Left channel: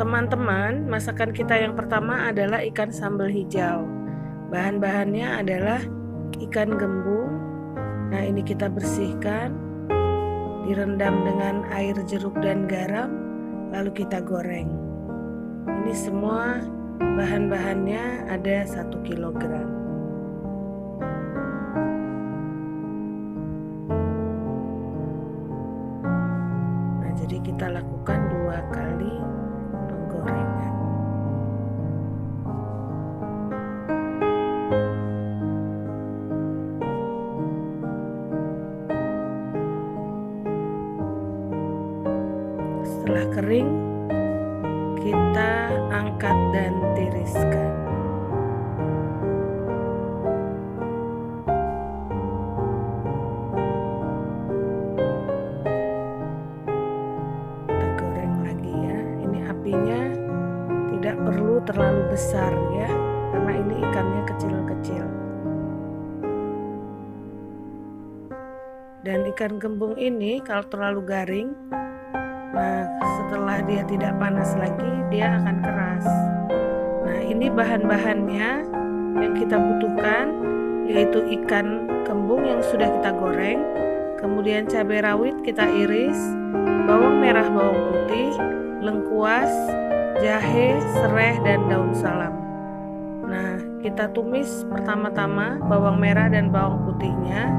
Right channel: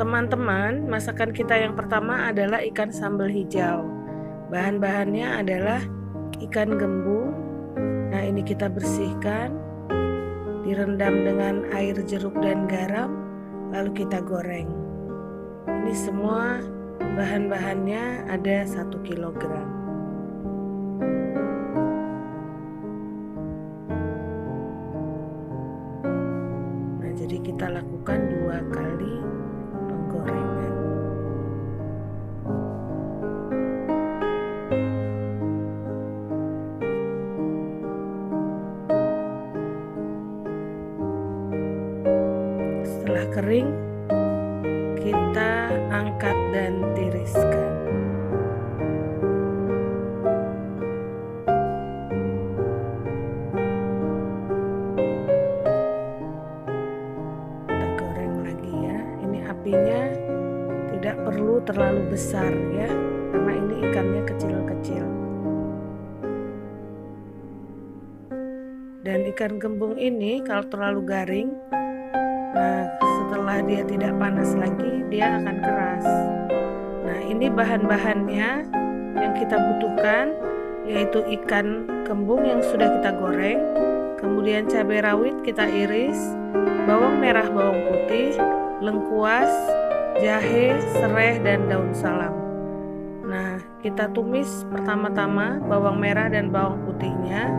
Teman-teman, masakan kita yang pertama adalah ikan sambal hijau. Bahan-bahannya adalah ikan gembung. Nah, ini kita bersihkan, direndam dengan air jeruk dan garam, lalu kita goreng. Ini semua bahan-bahannya ada 1 kilogram. Nah, jadi kita lakukan 2 kali penggorengan. Setelah kering, kita angkat dan tiriskan. Kita goreng lagi ya. Ini apinya tidak perlu terlalu besar ya, karena ini ikannya kecil-kecil. Dan ikan gembung ini kalau terlalu garing, nah setelah dia tidak panas lagi, dia akan keras. Nah, ini bahan-bahannya yang kita butuhkan, yaitu ikan gembung yang sudah kita goreng, kemudian cabai rawit kita iris, bawang merah, bawang putih, lengkuas, jahe, serai, dan daun salam. Nah, kita tumis pertama-tama bawang merah dan bawang putihnya,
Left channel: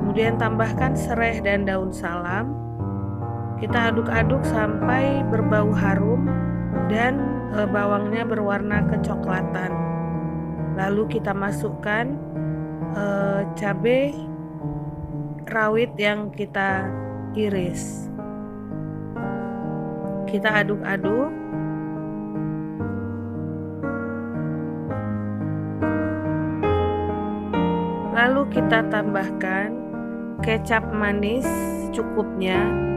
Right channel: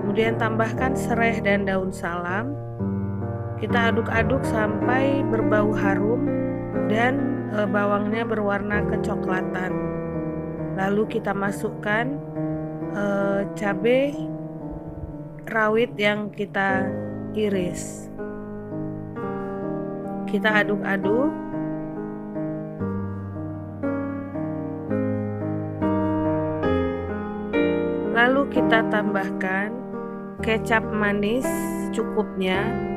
kemudian tambahkan serai dan daun salam. Kita aduk-aduk sampai berbau harum dan bawangnya berwarna kecoklatan. Lalu kita masukkan cabai rawit yang kita iris. Kita aduk-aduk. Lalu kita tambahkan kecap manis secukupnya.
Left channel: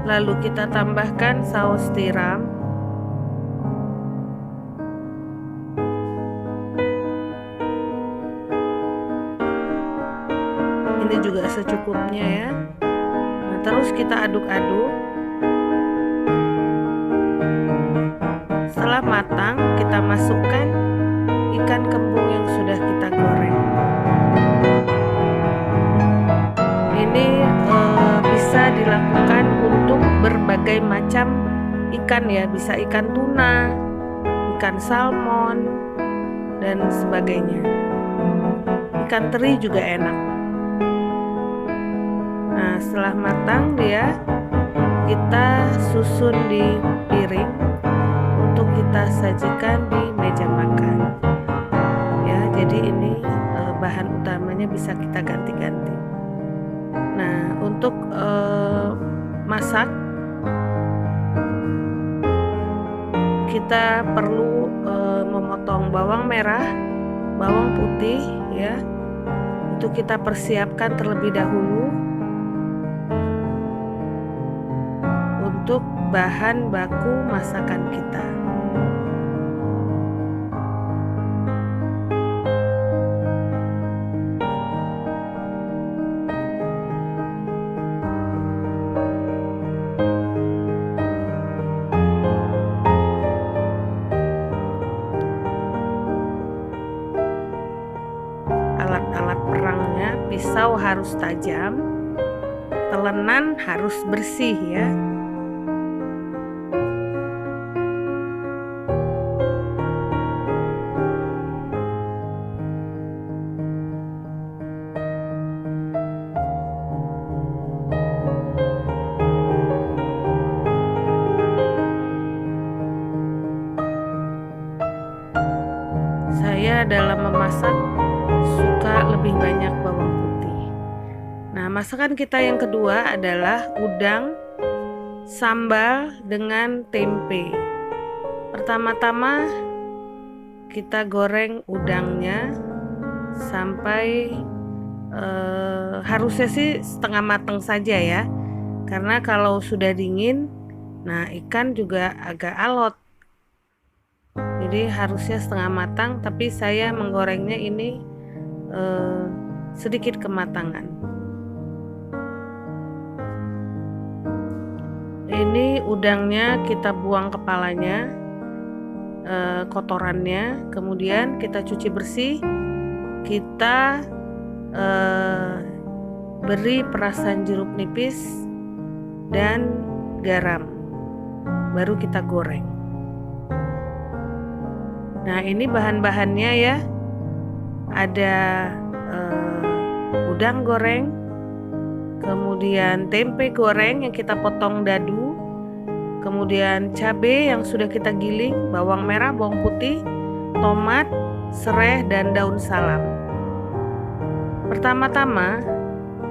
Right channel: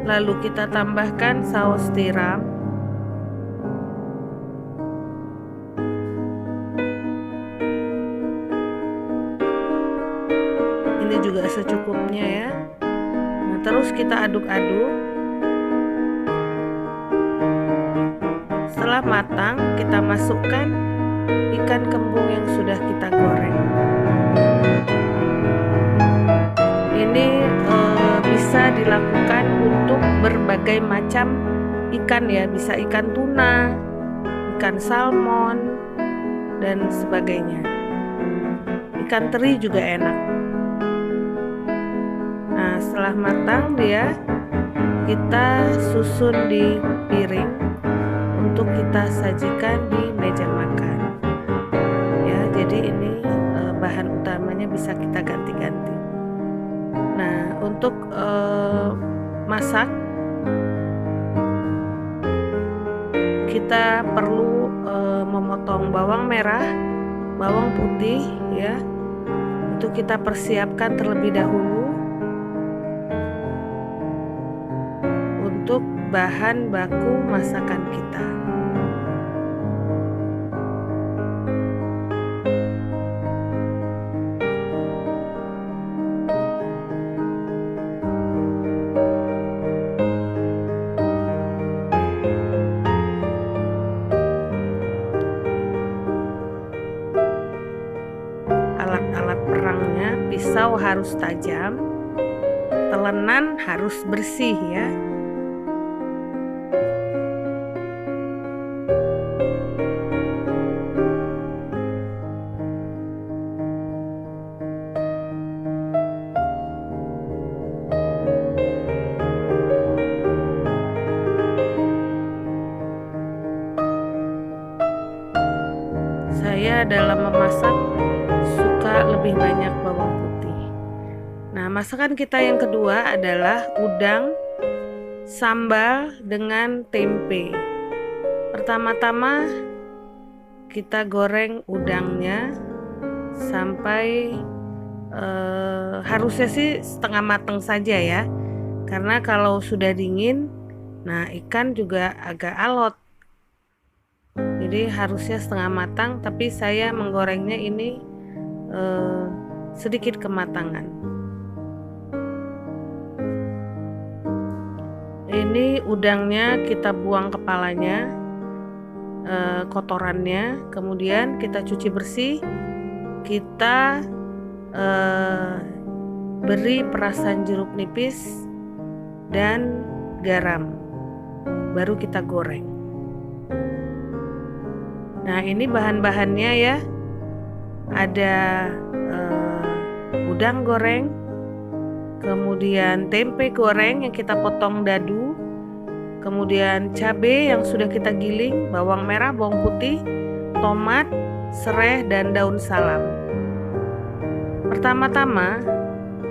Lalu kita tambahkan saus tiram. Ini juga secukupnya ya. Nah, terus kita aduk-aduk. Setelah matang, kita masukkan ikan kembung yang sudah kita goreng. Ini bisa dilakukan untuk berbagai macam ikan ya, bisa ikan tuna, ikan salmon, dan sebagainya. Ikan teri juga enak. Nah, setelah matang dia, kita susun di piring untuk kita sajikan di meja makan. Ya, jadi ini bahan utamanya bisa kita ganti-ganti. Nah, untuk masak kita perlu memotong bawang merah, bawang putih ya. Itu kita persiapkan terlebih dahulu untuk bahan baku masakan kita. Alat-alat perangnya, pisau harus tajam, telenan harus bersih ya. Saya dalam memasak suka lebih banyak bawang putih. Nah, masakan kita yang kedua adalah udang sambal dengan tempe. Pertama-tama kita goreng udangnya sampai harusnya sih setengah matang saja ya, karena kalau sudah dingin, nah ikan juga agak alot. Jadi harusnya setengah matang, tapi saya menggorengnya ini sedikit kematangan. Ini udangnya kita buang kepalanya, kotorannya, kemudian kita cuci bersih, kita beri perasan jeruk nipis dan garam, baru kita goreng. Nah, ini bahan-bahannya ya. Ada udang goreng, kemudian tempe goreng yang kita potong dadu, kemudian cabai yang sudah kita giling, bawang merah, bawang putih, tomat, serai, dan daun salam. Pertama-tama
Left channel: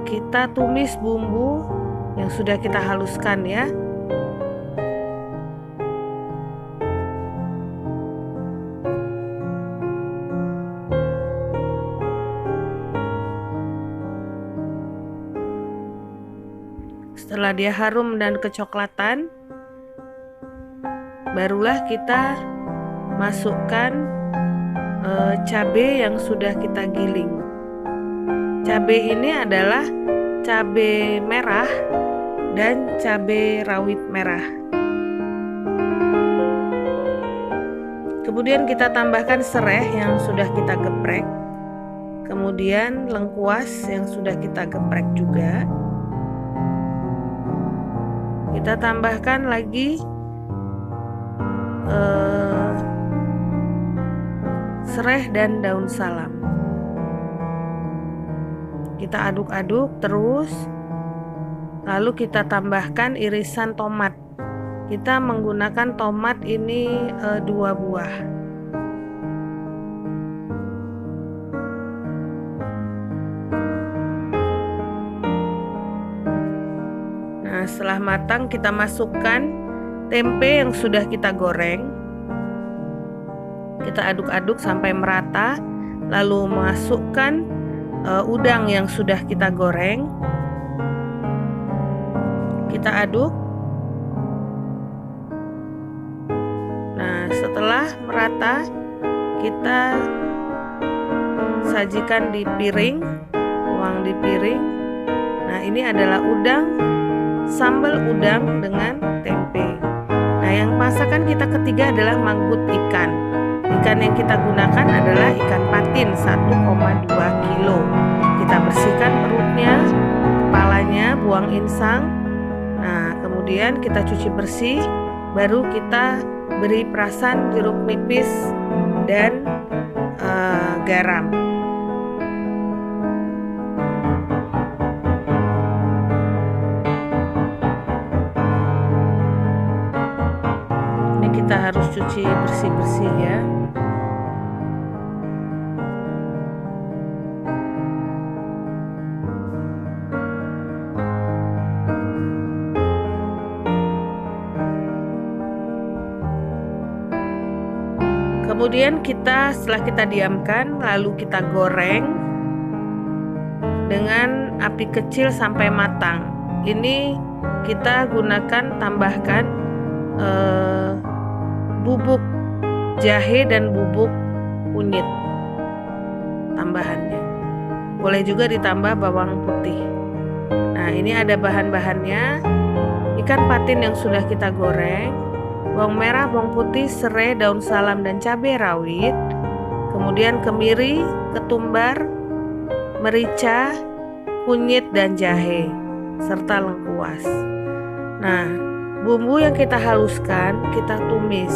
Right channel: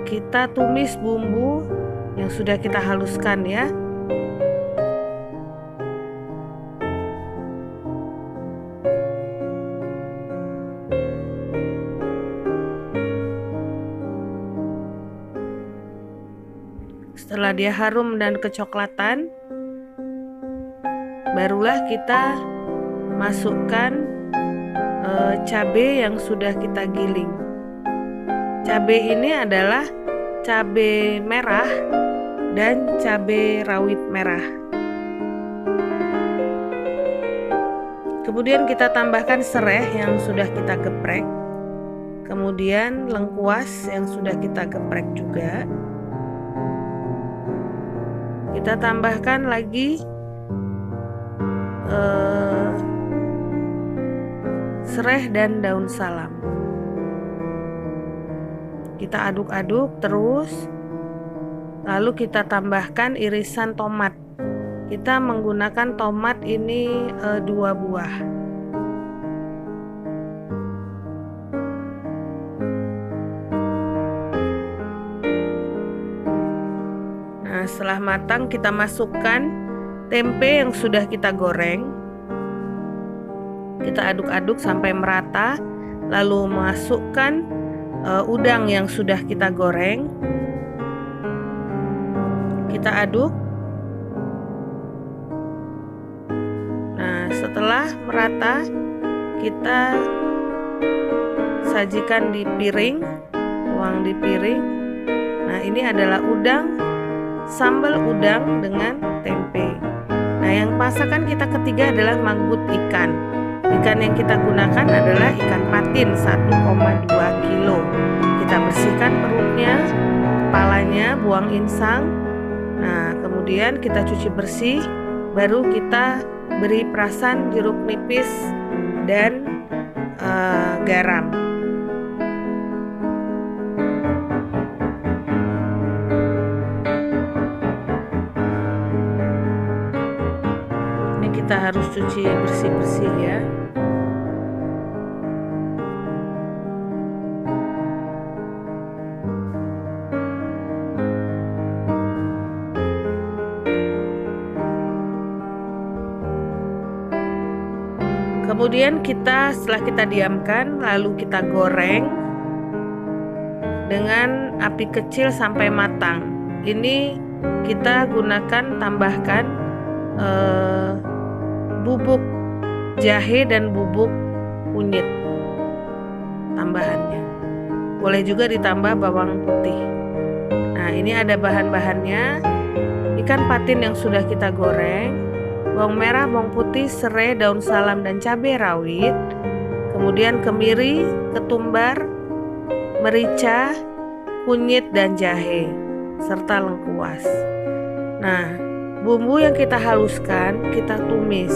kita tumis bumbu yang sudah kita haluskan ya. Setelah dia harum dan kecoklatan, barulah kita masukkan cabai yang sudah kita giling. Cabai ini adalah cabai merah dan cabai rawit merah. Kemudian kita tambahkan serai yang sudah kita geprek, kemudian lengkuas yang sudah kita geprek juga. Kita tambahkan lagi serai dan daun salam. Kita aduk-aduk terus, lalu kita tambahkan irisan tomat. Kita menggunakan tomat ini 2 buah. Nah, setelah matang kita masukkan tempe yang sudah kita goreng. Kita aduk-aduk sampai merata, lalu masukkan udang yang sudah kita goreng. Kita aduk. Nah, setelah merata, kita sajikan di piring, tuang di piring. Nah, ini adalah udang, sambal udang dengan tempe. Nah, yang masakan kita ketiga adalah manggut ikan. Ikan yang kita gunakan adalah ikan patin 1,2 kilo. Kita bersihkan perutnya, kepalanya, buang insang. Nah, kemudian kita cuci bersih, baru kita beri perasan jeruk nipis dan garam. Ini kita harus cuci bersih-bersih ya. Kemudian setelah kita diamkan, lalu kita goreng dengan api kecil sampai matang. Ini kita tambahkan bubuk jahe dan bubuk kunyit tambahannya. Boleh juga ditambah bawang putih. Nah, ini ada bahan-bahannya. Ikan patin yang sudah kita goreng, bawang merah, bawang putih, serai, daun salam, dan cabai rawit. Kemudian kemiri, ketumbar, merica, kunyit, dan jahe, serta lengkuas. Nah, bumbu yang kita haluskan, kita tumis.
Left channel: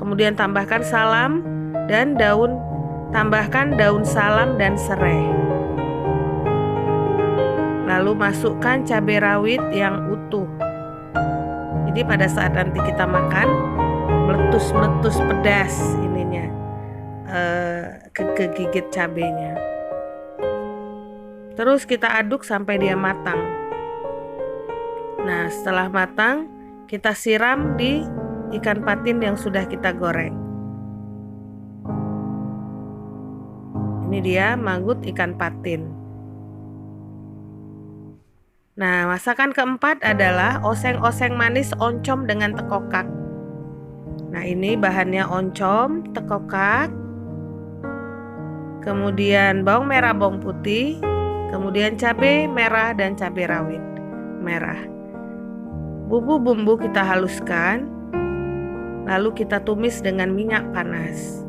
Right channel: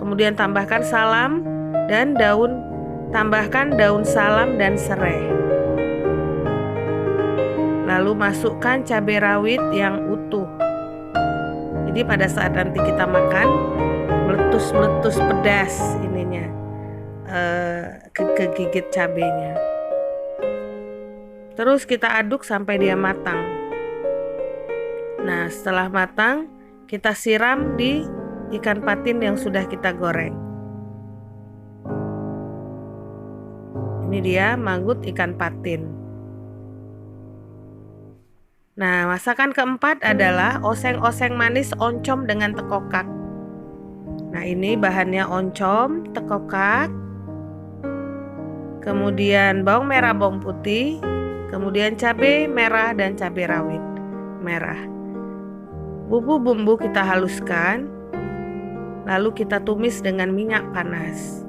Kemudian tambahkan tambahkan daun salam dan serai. Lalu masukkan cabai rawit yang utuh. Jadi pada saat nanti kita makan, meletus-meletus pedas ininya, kegigit cabenya. Terus kita aduk sampai dia matang. Nah, setelah matang, kita siram di ikan patin yang sudah kita goreng. Ini dia manggut ikan patin. Nah, masakan keempat adalah oseng-oseng manis oncom dengan tekokak. Nah, ini bahannya oncom, tekokak, kemudian bawang merah, bawang putih, kemudian cabai merah dan cabai rawit merah. Bumbu-bumbu kita haluskan, lalu kita tumis dengan minyak panas.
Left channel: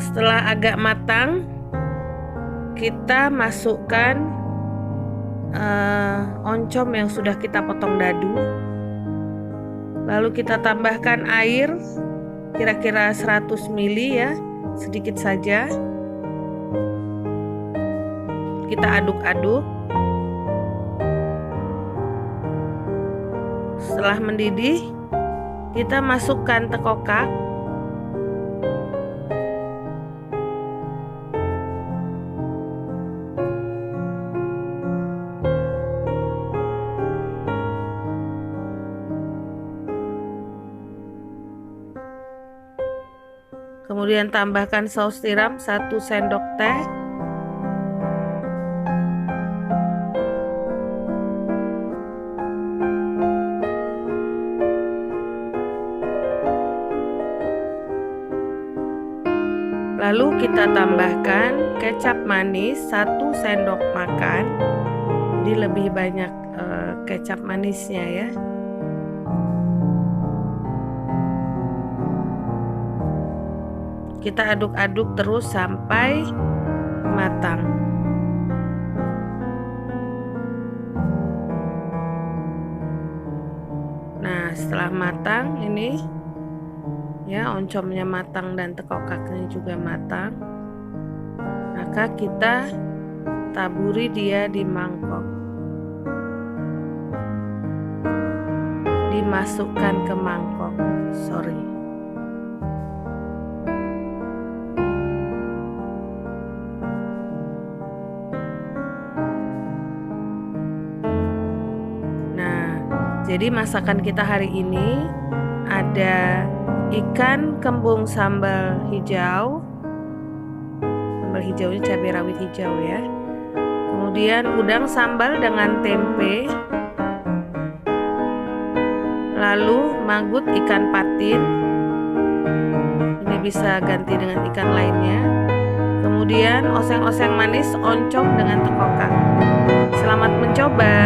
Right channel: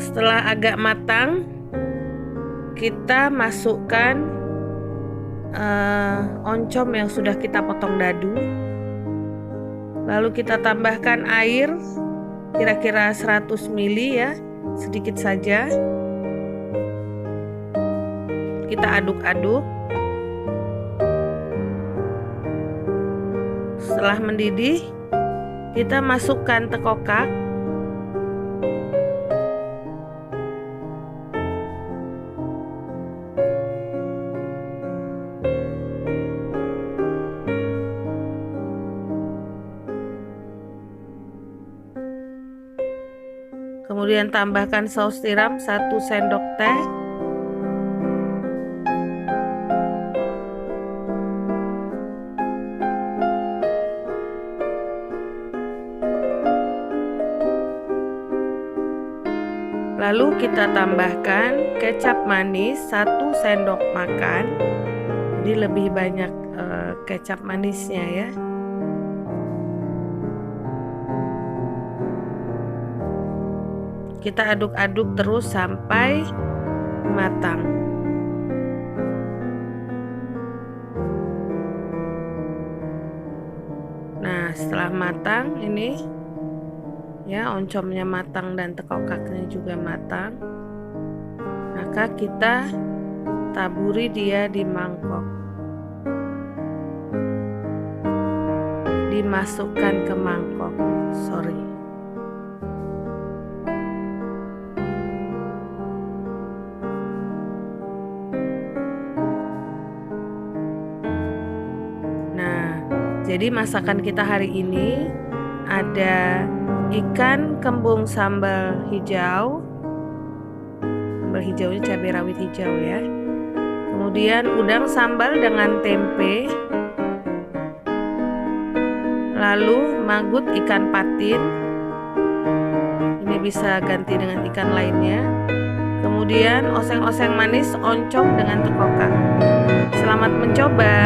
Setelah agak matang, kita masukkan oncom yang sudah kita potong dadu. Lalu kita tambahkan air kira-kira 100 ml ya, sedikit saja. Kita aduk-aduk. Setelah mendidih, kita masukkan tekokak. Kemudian tambahkan saus tiram 1 sendok teh. Lalu kita tambahkan kecap manis 1 sendok makan. Jadi lebih banyak kecap manisnya ya. Kita aduk-aduk terus sampai matang. Nah, setelah matang ini ya, oncomnya matang dan tekokaknya juga matang. Maka kita taburi dia di mangkok. Dimasukkan ke mangkok. Nah, jadi masakan kita hari ini ada ikan kembung sambal hijau. Sambal hijaunya cabai rawit hijau ya. Kemudian udang sambal dengan tempe. Lalu maggot ikan patin. Ini bisa ganti dengan ikan lainnya. Kemudian oseng-oseng manis oncom dengan tekokak. Selamat mencoba.